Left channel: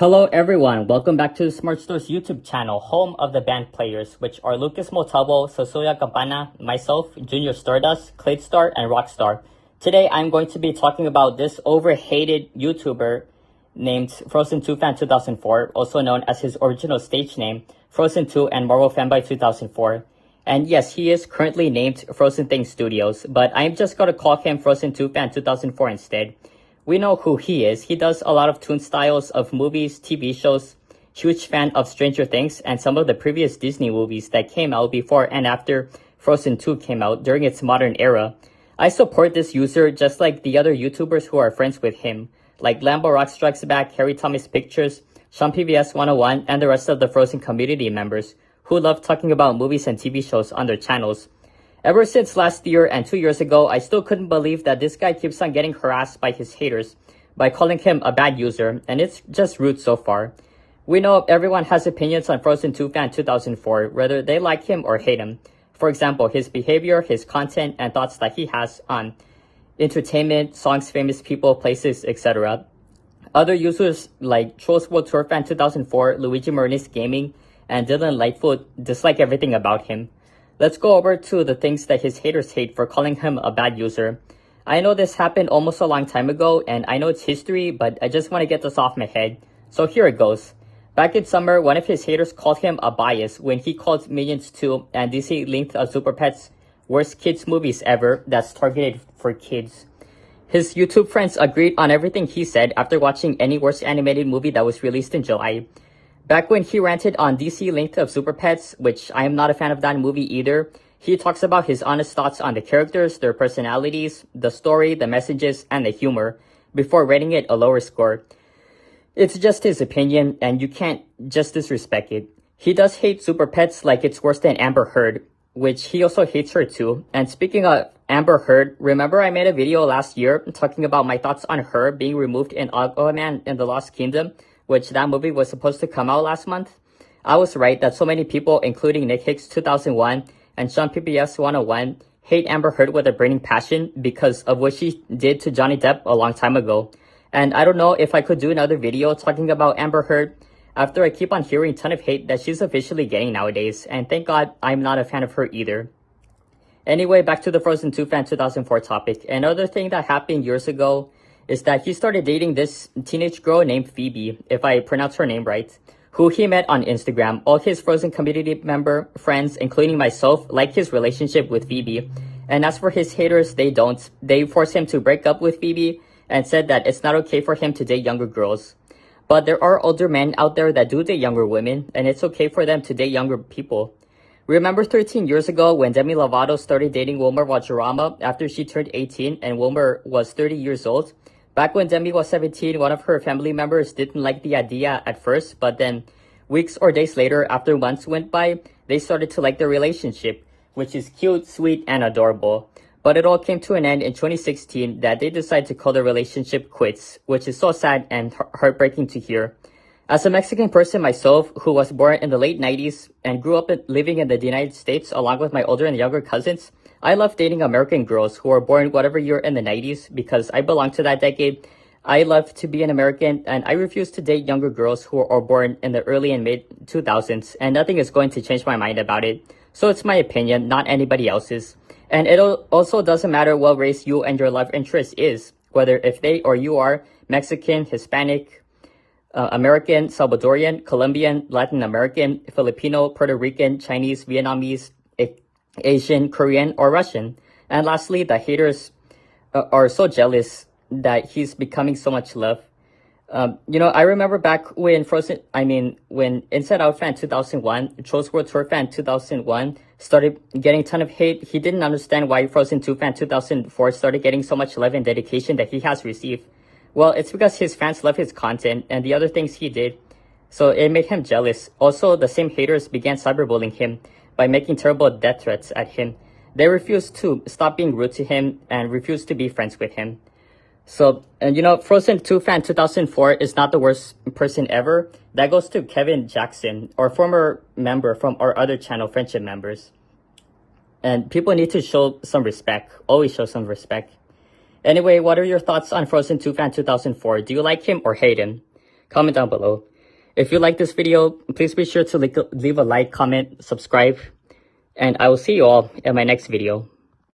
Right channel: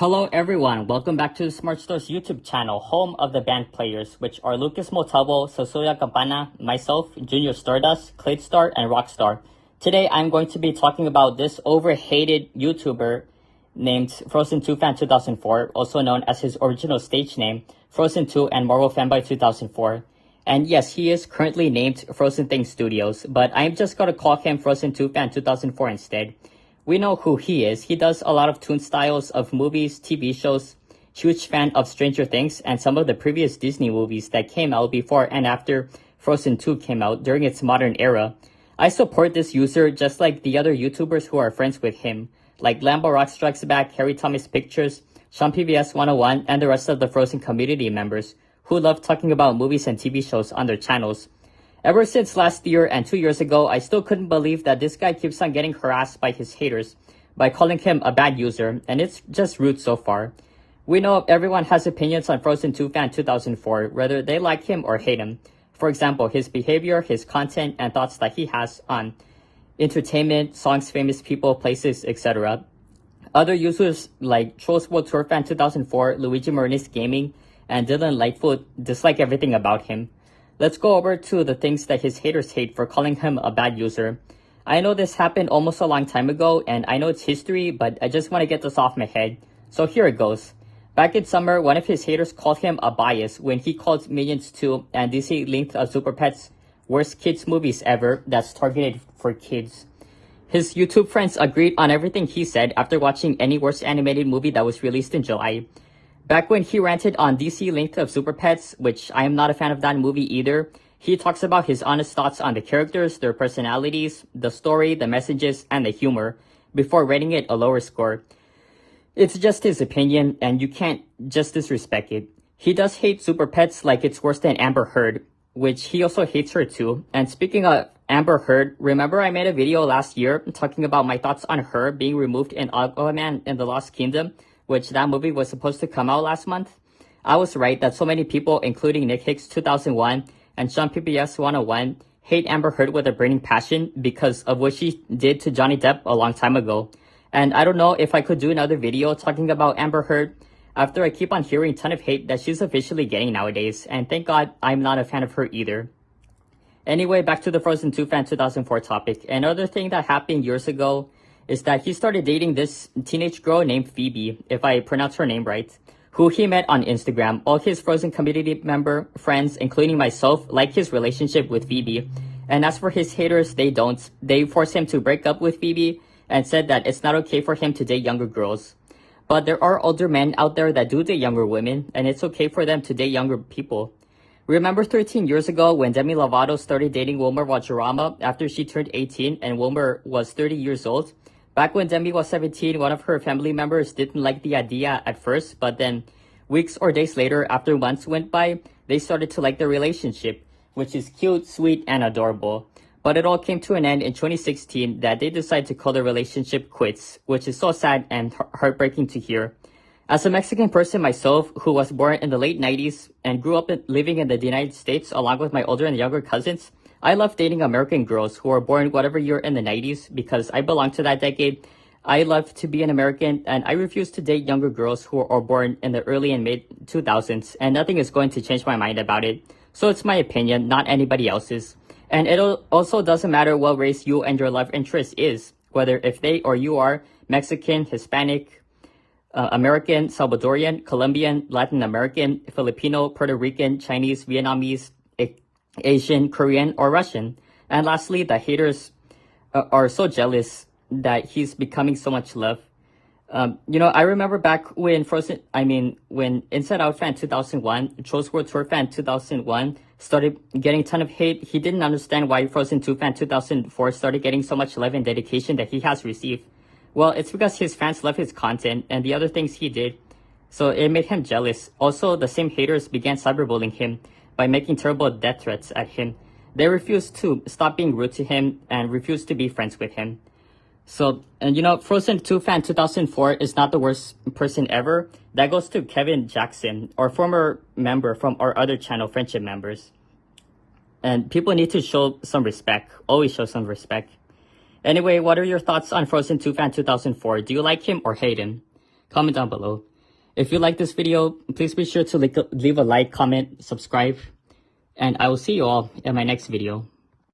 Hello everyone, welcome back to the Smart Store's YouTube channel, home of the band players, which are Lucas Montalvo, Cecilia Cabana, myself, Junior Stardust, Cladestar, and Rockstar. Today I'm going to be talking about this overhated YouTuber named Frozen2Fan2004, also known as his original stage name, Frozen2 and Marvel Fanboy 2004. And yes, he is currently named Frozen Things Studios, but I'm just going to call him Frozen2Fan2004 instead. We know who he is. He does a lot of toon styles of movies, TV shows, huge fan of Stranger Things, and some of the previous Disney movies that came out before and after Frozen 2 came out during its modern era. I support this user just like the other YouTubers who are friends with him, like Lambo Rock Strikes Back, Harry Thomas Pictures, Sean PBS 101, and the rest of the Frozen community members who love talking about movies and TV shows on their channels. Ever since last year and 2 years ago, I still couldn't believe that this guy keeps on getting harassed by his haters by calling him a bad user, and it's just rude so far. We know everyone has opinions on Frozen2Fan2004, whether they like him or hate him. For example, his behavior, his content, and thoughts that he has on entertainment, songs, famous people, places, etc. Other users like Frozen2Fan2004, Luigi Marinis Gaming, and Dylan Lightfoot dislike everything about him. Let's go over to the things that his haters hate for calling him a bad user. I know this happened almost a long time ago, and I know it's history, but I just want to get this off my head. So here it goes. Back in summer, one of his haters called him a bias when he called Minions 2 and DC Linked of Super Pets worst kids movies ever that's targeted for kids. His YouTube friends agreed on everything he said after watching any worst animated movie that was released in July. Back when he ranted on DC Linked of Super Pets, which I am not a fan of that movie either, he talks about his honest thoughts on the characters, their personalities, the story, the messages, and the humor, before rating it a lower score. It's just his opinion, and you can't just disrespect it. He does hate Super Pets like it's worse than Amber Heard, which he also hates her too. And speaking of Amber Heard, remember I made a video last year talking about my thoughts on her being removed in Aquaman and the Lost Kingdom, which that movie was supposed to come out last month? I was right that so many people, including Nick Hicks 2001 and Sean PBS 101, hate Amber Heard with a burning passion because of what she did to Johnny Depp a long time ago. And I don't know if I could do another video talking about Amber Heard after I keep on hearing a ton of hate that she's officially getting nowadays, and thank God I'm not a fan of her either. Anyway, back to the Frozen2Fan2004 topic. Another thing that happened years ago is that he started dating this teenage girl named Phoebe, if I pronounce her name right, who he met on Instagram. All his Frozen community member friends, including myself, like his relationship with Phoebe. And as for his haters, they don't. They forced him to break up with Phoebe and said that it's not okay for him to date younger girls. But there are older men out there that do date younger women, and it's okay for them to date younger people. Remember 13 years ago when Demi Lovato started dating Wilmer Valderrama after she turned 18 and Wilmer was 30 years old? Back when Demi was 17, one of her family members didn't like the idea at first, but then weeks or days later, after months went by, they started to like the relationship, which is cute, sweet, and adorable. But it all came to an end in 2016 that they decided to call the relationship quits, which is so sad and heartbreaking to hear. As a Mexican person myself, who was born in the late 90s and grew up living in the United States along with my older and younger cousins, I love dating American girls who were born whatever year in the 90s because I belong to that decade. I love to be an American, and I refuse to date younger girls who are born in the early and mid 2000s, and nothing is going to change my mind about it. So it's my opinion, not anybody else's. And it also doesn't matter what race you and your love interest is, whether if they or you are Mexican, Hispanic, American, Salvadorian, Colombian, Latin American, Filipino, Puerto Rican, Chinese, Vietnamese, Asian, Korean, or Russian. And lastly, the haters are so jealous that he's becoming so much love. I remember back when when Inside Out Fan 2001, Trolls World Tour Fan 2001 started getting a ton of hate. He didn't understand why Frozen 2 Fan 2004 started getting so much love and dedication that he has received. Well, it's because his fans love his content and the other things he did. So it made him jealous. Also, the same haters began cyberbullying him by making terrible death threats at him. They refused to stop being rude to him and refused to be friends with him. So, and Frozen2Fan 2004 is not the worst person ever. That goes to Kevin Jackson, our former member from our other channel, Friendship Members. And people need to show some respect, always show some respect. Anyway, what are your thoughts on Frozen2Fan 2004? Do you like him or hate him? comment down below. If you like this video, please be sure to leave a like, comment, subscribe, and I will see you all in my next video.